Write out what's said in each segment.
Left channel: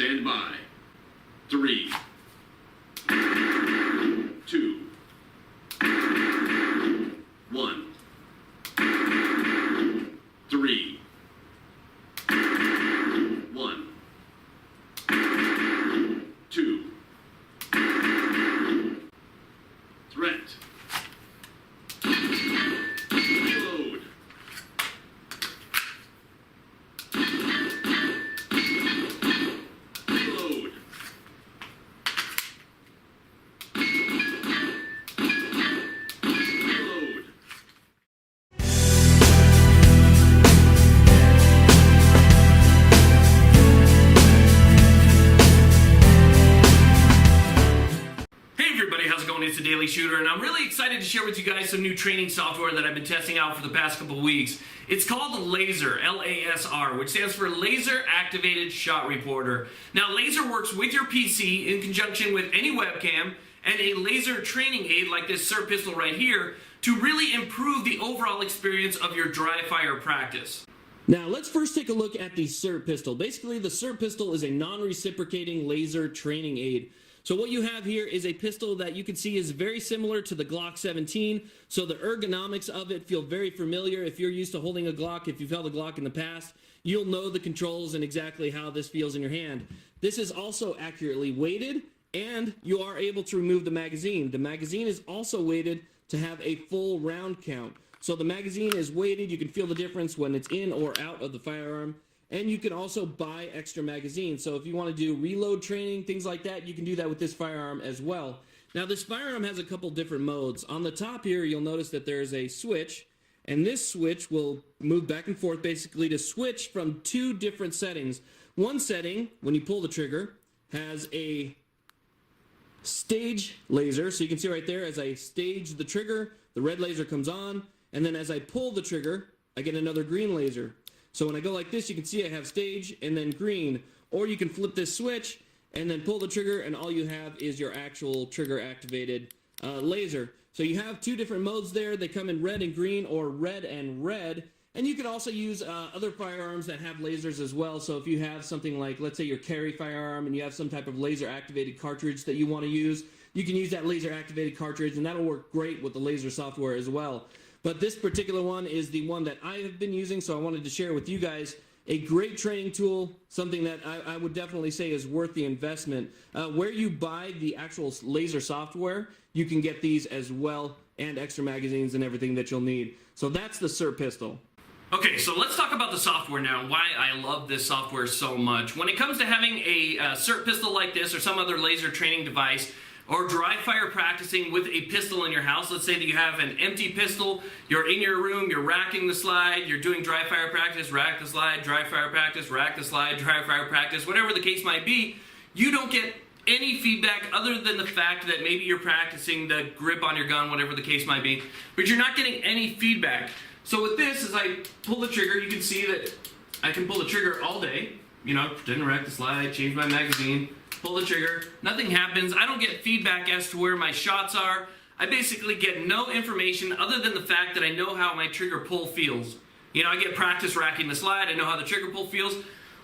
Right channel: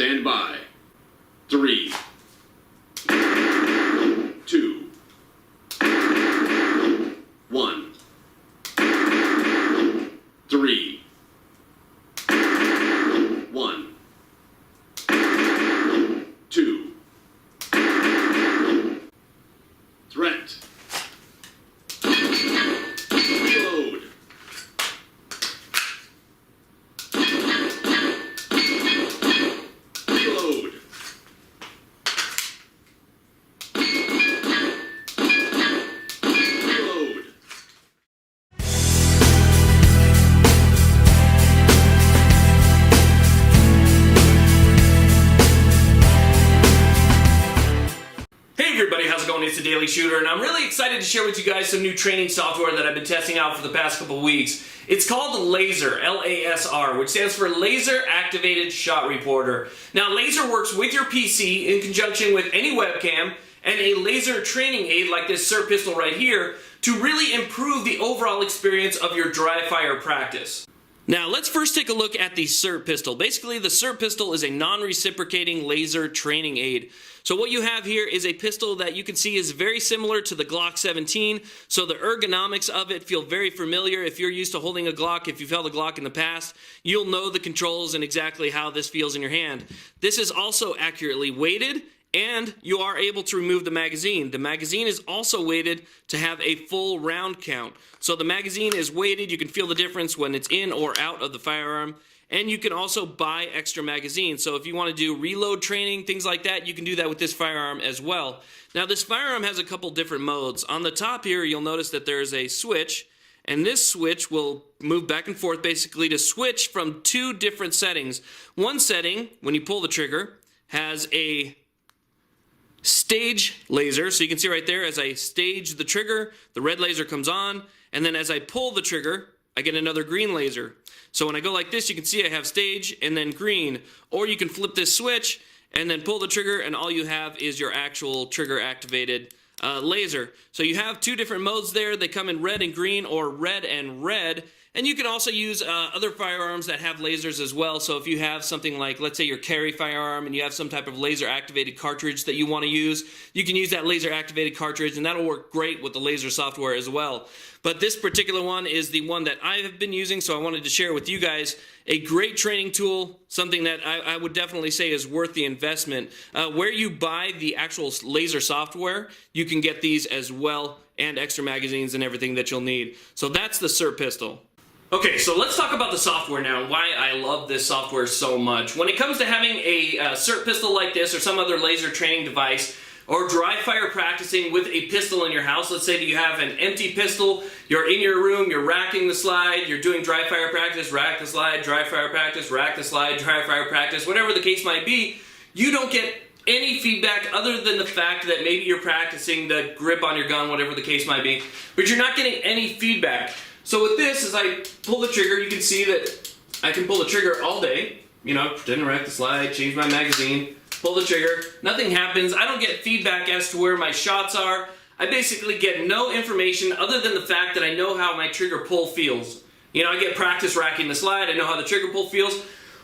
Stand by. 3, 2, 1. 3, 1, 2. Threat. Reload. Reload. Reload. Hey everybody, how's it going? It's the Daily Shooter, and I'm really excited to share with you guys some new training software that I've been testing out for the past couple weeks. It's called LASR, L-A-S-R, which stands for Laser Activated Shot Reporter. Now, LASR works with your PC in conjunction with any webcam and a laser training aid like this SIR pistol right here to really improve the overall experience of your dry fire practice. Now, let's first take a look at the SIR pistol. Basically, the SIR pistol is a non-reciprocating laser training aid. So what you have here is a pistol that you can see is very similar to the Glock 17. So the ergonomics of it feel very familiar. If you're used to holding a Glock, if you've held a Glock in the past, you'll know the controls and exactly how this feels in your hand. This is also accurately weighted, and you are able to remove the magazine. The magazine is also weighted to have a full round count. So the magazine is weighted. You can feel the difference when it's in or out of the firearm. And you can also buy extra magazines. So if you want to do reload training, things like that, you can do that with this firearm as well. Now, this firearm has a couple different modes. On the top here, you'll notice that there's a switch. And this switch will move back and forth basically to switch from two different settings. One setting, when you pull the trigger, has a stage laser. So you can see right there, as I stage the trigger, the red laser comes on. And then as I pull the trigger, I get another green laser. So when I go like this, you can see I have stage and then green. Or you can flip this switch and then pull the trigger, and all you have is your actual trigger activated laser. So you have two different modes there. They come in red and green or red and red. And you can also use other firearms that have lasers as well. So if you have something like, let's say your carry firearm, and you have some type of laser activated cartridge that you want to use, you can use that laser activated cartridge, and that'll work great with the laser software as well. But this particular one is the one that I have been using, so I wanted to share with you guys a great training tool, something that I would definitely say is worth the investment. Where you buy the actual laser software, you can get these as well, and extra magazines and everything that you'll need. So that's the SIR pistol. Okay, so let's talk about the software now, and why I love this software so much. When it comes to having a SIR pistol like this or some other laser training device, or dry fire practicing with a pistol in your house, let's say that you have an empty pistol, you're in your room, you're racking the slide, you're doing dry fire practice, rack the slide, dry fire practice, rack the slide, dry fire practice, whatever the case might be, you don't get any feedback other than the fact that maybe you're practicing the grip on your gun, whatever the case might be, but you're not getting any feedback. So with this, as I pull the trigger, you can see that I can pull the trigger all day, you know, pretend to rack the slide, change my magazine, pull the trigger, nothing happens. I don't get feedback as to where my shots are. I basically get no information other than the fact that I know how my trigger pull feels. You know, I get practice racking the slide, I know how the trigger pull feels.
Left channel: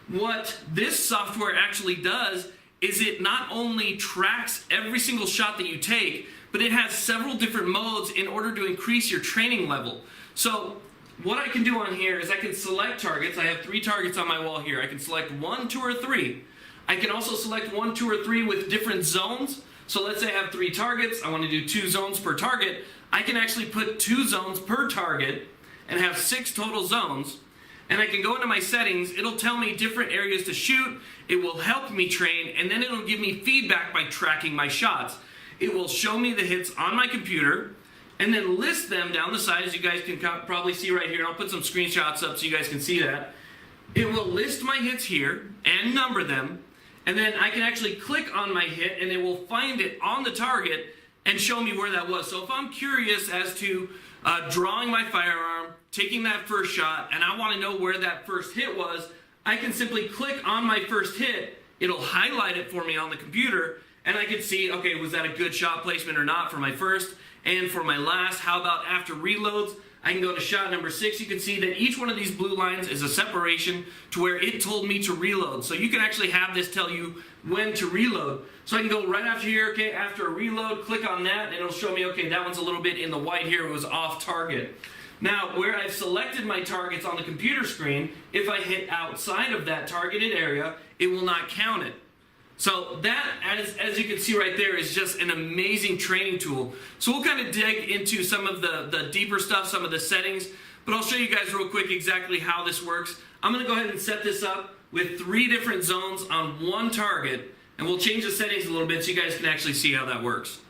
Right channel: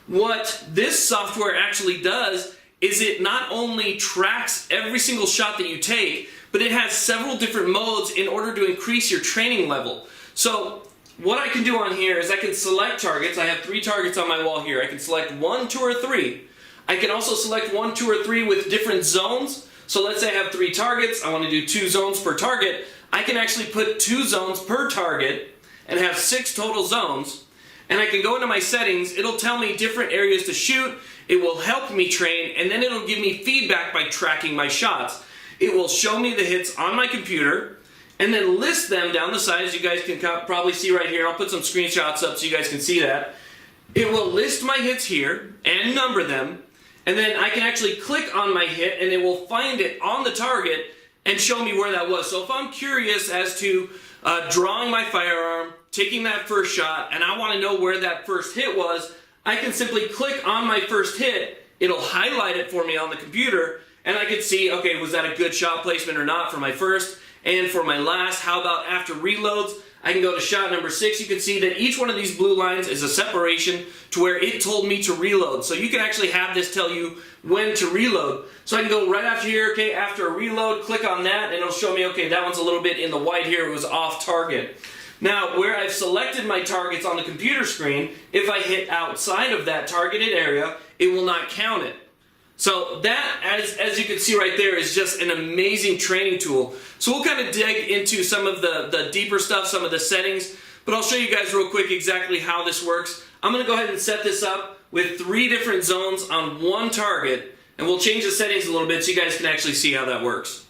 What this software actually does is it not only tracks every single shot that you take, but it has several different modes in order to increase your training level. So what I can do on here is I can select targets. I have 3 targets on my wall here. I can select 1, 2, or 3. I can also select 1, 2, or 3 with different zones. So let's say I have 3 targets. I want to do 2 zones per target. I can actually put 2 zones per target and have 6 total zones. And I can go into my settings. It'll tell me different areas to shoot. It will help me train, and then it'll give me feedback by tracking my shots. It will show me the hits on my computer and then list them down the side, as you guys can probably see right here. I'll put some screenshots up so you guys can see that. It will list my hits here and number them, and then I can actually click on my hit and it will find it on the target and show me where that was. So if I'm curious as to drawing my firearm, taking that first shot, and I want to know where that first hit was, I can simply click on my first hit, it'll highlight it for me on the computer, and I can see, okay, was that a good shot placement or not for my first and for my last? How about after reloads? I can go to shot number 6. You can see that each one of these blue lines is a separation to where it told me to reload. So you can actually have this tell you when to reload. So I can go right after here, okay, after a reload, click on that, and it'll show me, okay, that one's a little bit in the white here, it was off target. Now, where I've selected my targets on the computer screen, if I hit outside of that targeted area, it will not count it. So that, as you can see right there, is just an amazing training tool. So we'll kind of dig into some of the deeper stuff, some of the settings, but I'll show you guys real quick exactly how this works. I'm going to go ahead and set this up with 3 different zones on one target, and we'll change the settings a little bit so you guys can actually see how that works.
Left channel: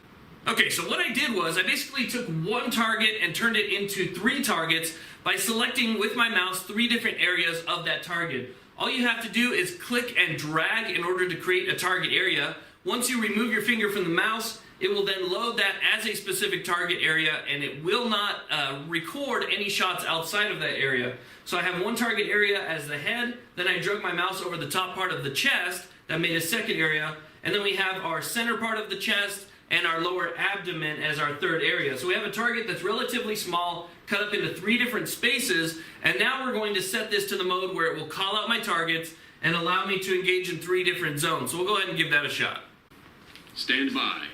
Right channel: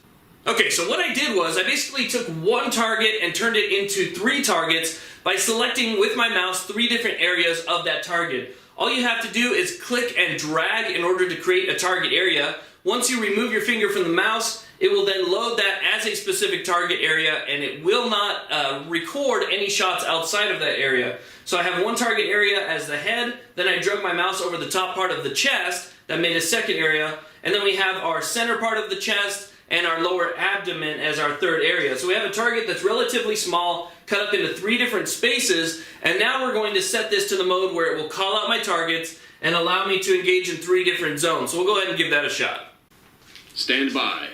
Okay, so what I did was I basically took one target and turned it into 3 targets by selecting with my mouse 3 different areas of that target. All you have to do is click and drag in order to create a target area. Once you remove your finger from the mouse, it will then load that as a specific target area, and it will not record any shots outside of that area. So I have one target area as the head, then I drug my mouse over the top part of the chest, that made a second area, and then we have our center part of the chest and our lower abdomen as our third area. So we have a target that's relatively small, cut up into 3 different spaces, and now we're going to set this to the mode where it will call out my targets and allow me to engage in 3 different zones. So we'll go ahead and give that a shot. Stand by.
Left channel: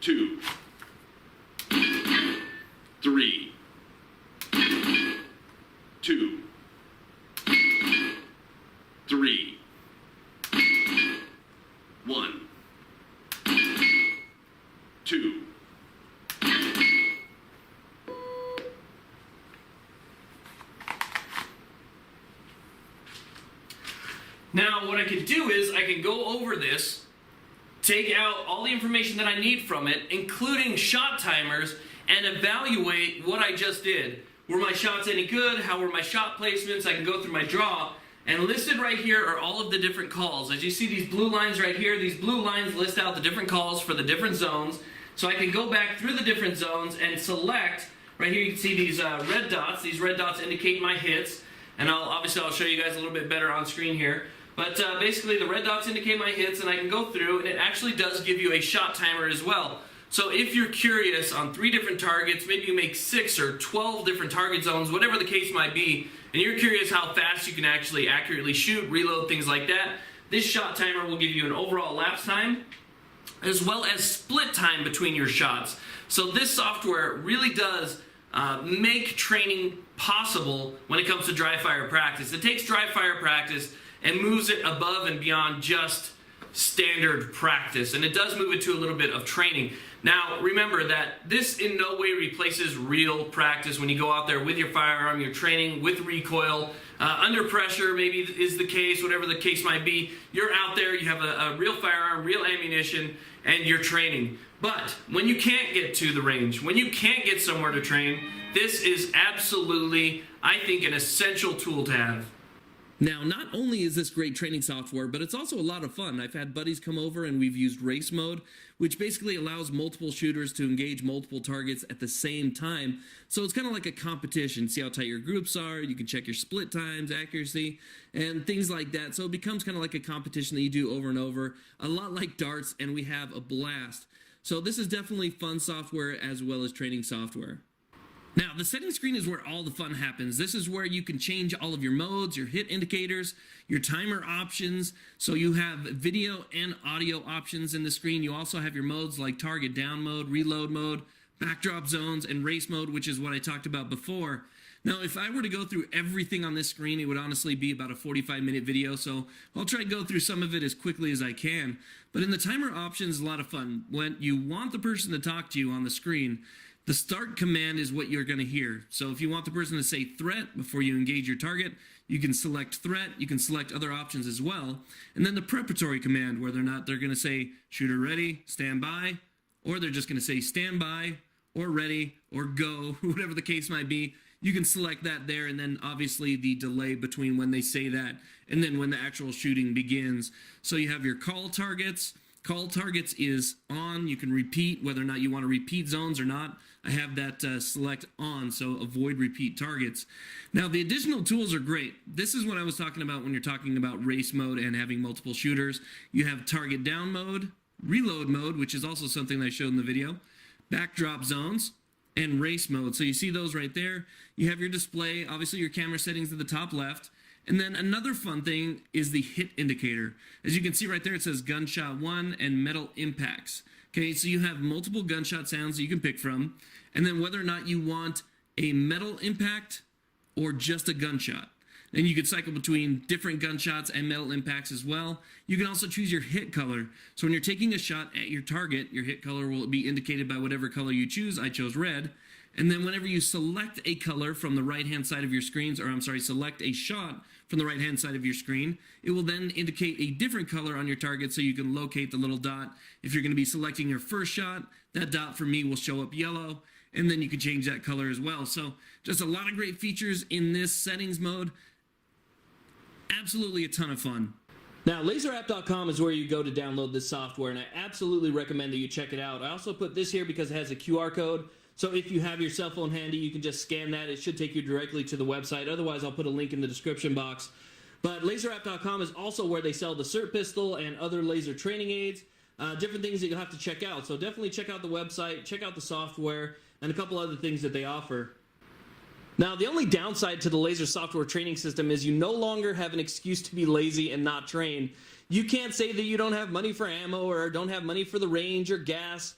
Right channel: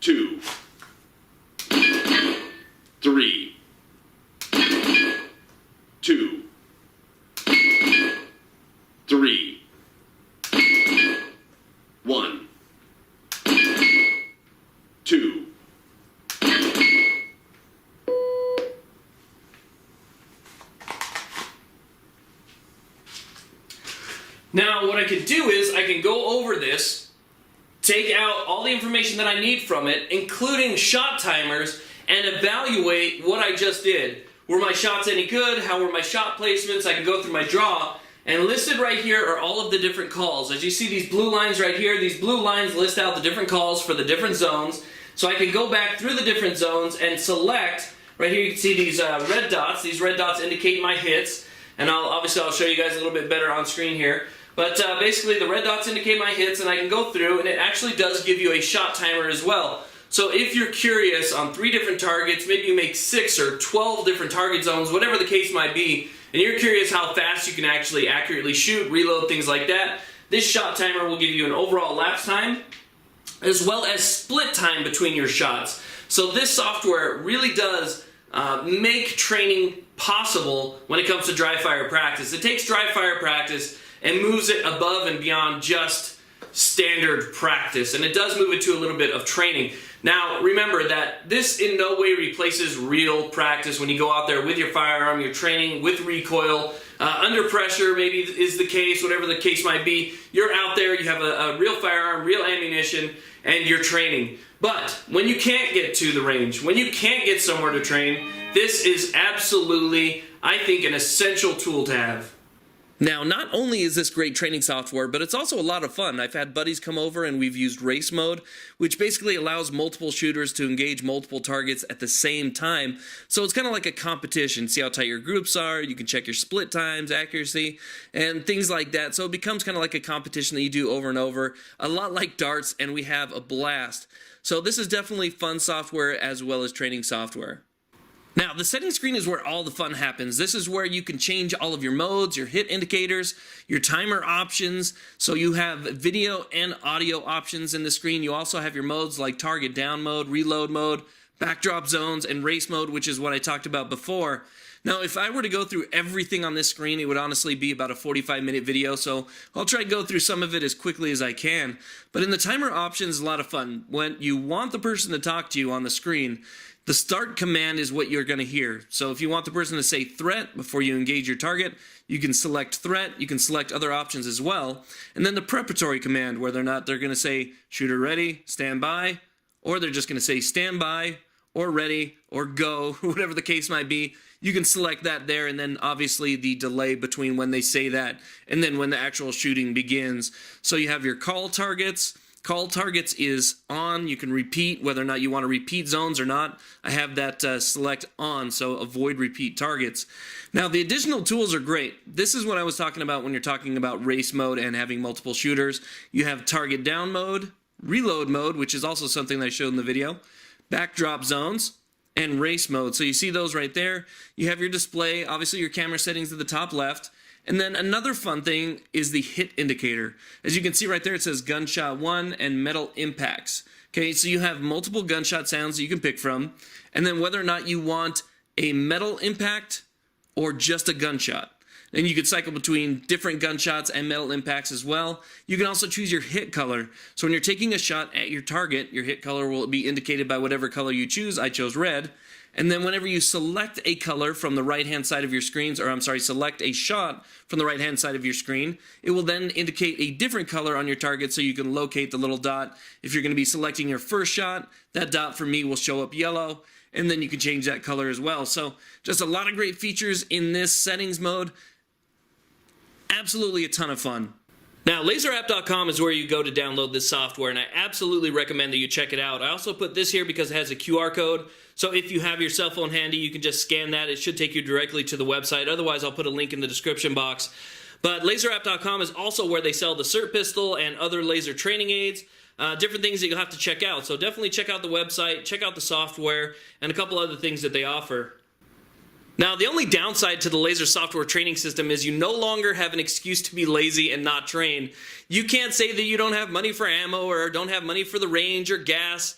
2, 3, 2, 3, 1, 2. Now what I can do is I can go over this, take out all the information that I need from it, including shot timers, and evaluate what I just did. Were my shots any good? How were my shot placements? I can go through my draw, and listed right here are all of the different calls. As you see these blue lines right here, these blue lines list out the different calls for the different zones. So I can go back through the different zones and select. Right here you can see these red dots. These red dots indicate my hits, and I'll show you guys a little bit better on screen here. But basically the red dots indicate my hits, and I can go through, and it actually does give you a shot timer as well. So if you're curious on 3 different targets, maybe you make 6 or 12 different target zones, whatever the case might be, and you're curious how fast you can actually accurately shoot, reload, things like that, this shot timer will give you an overall lapse time as well as split time between your shots. So this software really does make training possible when it comes to dry fire practice. It takes dry fire practice and moves it above and beyond just standard practice, and it does move it to a little bit of training. Now remember that this in no way replaces real practice. When you go out there with your firearm, you're training with recoil, under pressure maybe is the case, whatever the case might be, you're out there, you have a real firearm, real ammunition, and you're training. But when you can't get to the range, when you can't get somewhere to train, this is absolutely, I think, an essential tool to have. Now, not only is this great training software, but it's also a lot of fun. I've had buddies come over and we've used race mode, which basically allows multiple shooters to engage multiple targets at the same time. So it's kind of like a competition. See how tight your groups are, you can check your split times, accuracy, and things like that. So it becomes kind of like a competition that you do over and over, a lot like darts, and we have a blast. So this is definitely fun software as well as training software. Now, the settings screen is where all the fun happens. This is where you can change all of your modes, your hit indicators, your timer options. So you have video and audio options in the screen. You also have your modes like target down mode, reload mode, backdrop zones, and race mode, which is what I talked about before. Now, if I were to go through everything on this screen, it would honestly be about a 45-minute video, so I'll try to go through some of it as quickly as I can. But in the timer options, a lot of fun. When you want the person to talk to you on the screen, the start command is what you're going to hear. So if you want the person to say threat before you engage your target, you can select threat. You can select other options as well. And then the preparatory command, whether or not they're going to say shooter ready, stand by, or they're just going to say stand by, or ready, or go, whatever the case might be. You can select that there, and then obviously the delay between when they say that and then when the actual shooting begins. So you have your call targets. Call targets is on. You can repeat whether or not you want to repeat zones or not. I have that select on, so avoid repeat targets. Now, the additional tools are great. This is what I was talking about when you're talking about race mode and having multiple shooters. You have target down mode, reload mode, which is also something that I showed in the video, backdrop zones, and race mode. So you see those right there. You have your display, obviously your camera settings at the top left. And then another fun thing is the hit indicator. As you can see right there, it says gunshot 1 and metal impacts. Okay, so you have multiple gunshot sounds that you can pick from. And then whether or not you want a metal impact or just a gunshot. And you could cycle between different gunshots and metal impacts as well. You can also choose your hit color. So when you're taking a shot at your target, your hit color will be indicated by whatever color you choose. I chose red. And then whenever you select a color from the right-hand side of your screens, or I'm sorry, select a shot from the right-hand side of your screen, it will then indicate a different color on your target so you can locate the little dot. If you're going to be selecting your first shot, that dot for me will show up yellow, and then you can change that color as well. So just a lot of great features in this settings mode. Absolutely a ton of fun. Now, LASRapp.com is where you go to download this software, and I absolutely recommend that you check it out. I also put this here because it has a QR code, so if you have your cell phone handy, you can just scan that. It should take you directly to the website. Otherwise, I'll put a link in the description box. But LASRapp.com is also where they sell the SIRT pistol and other laser training aids, different things that you'll have to check out. So definitely check out the website, check out the software, and a couple other things that they offer. Now, the only downside to the LASR software training system is you no longer have an excuse to be lazy and not train. You can't say that you don't have money for ammo or don't have money for the range or gas,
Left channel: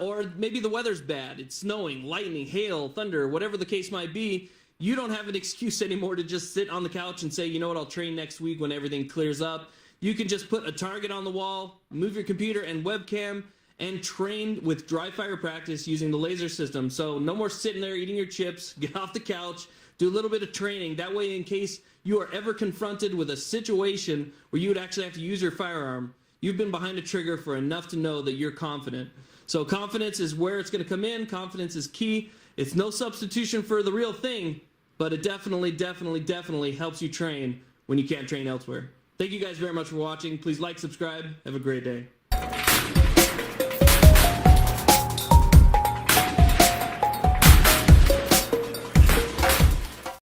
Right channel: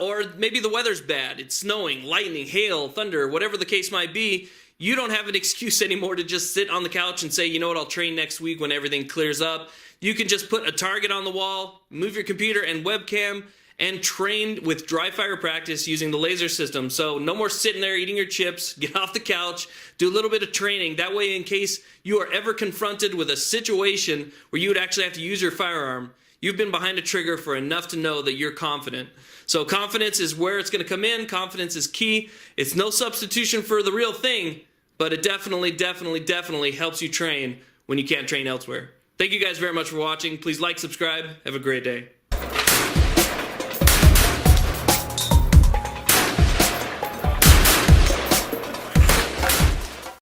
or maybe the weather's bad. It's snowing, lightning, hail, thunder, whatever the case might be. You don't have an excuse anymore to just sit on the couch and say, you know what, I'll train next week when everything clears up. You can just put a target on the wall, move your computer and webcam, and train with dry fire practice using the LASR system. So no more sitting there eating your chips, get off the couch, do a little bit of training. That way, in case you are ever confronted with a situation where you would actually have to use your firearm, you've been behind a trigger for enough to know that you're confident. So confidence is where it's gonna come in. Confidence is key. It's no substitution for the real thing, but it definitely helps you train when you can't train elsewhere. Thank you guys very much for watching. Please like, subscribe. Have a great day.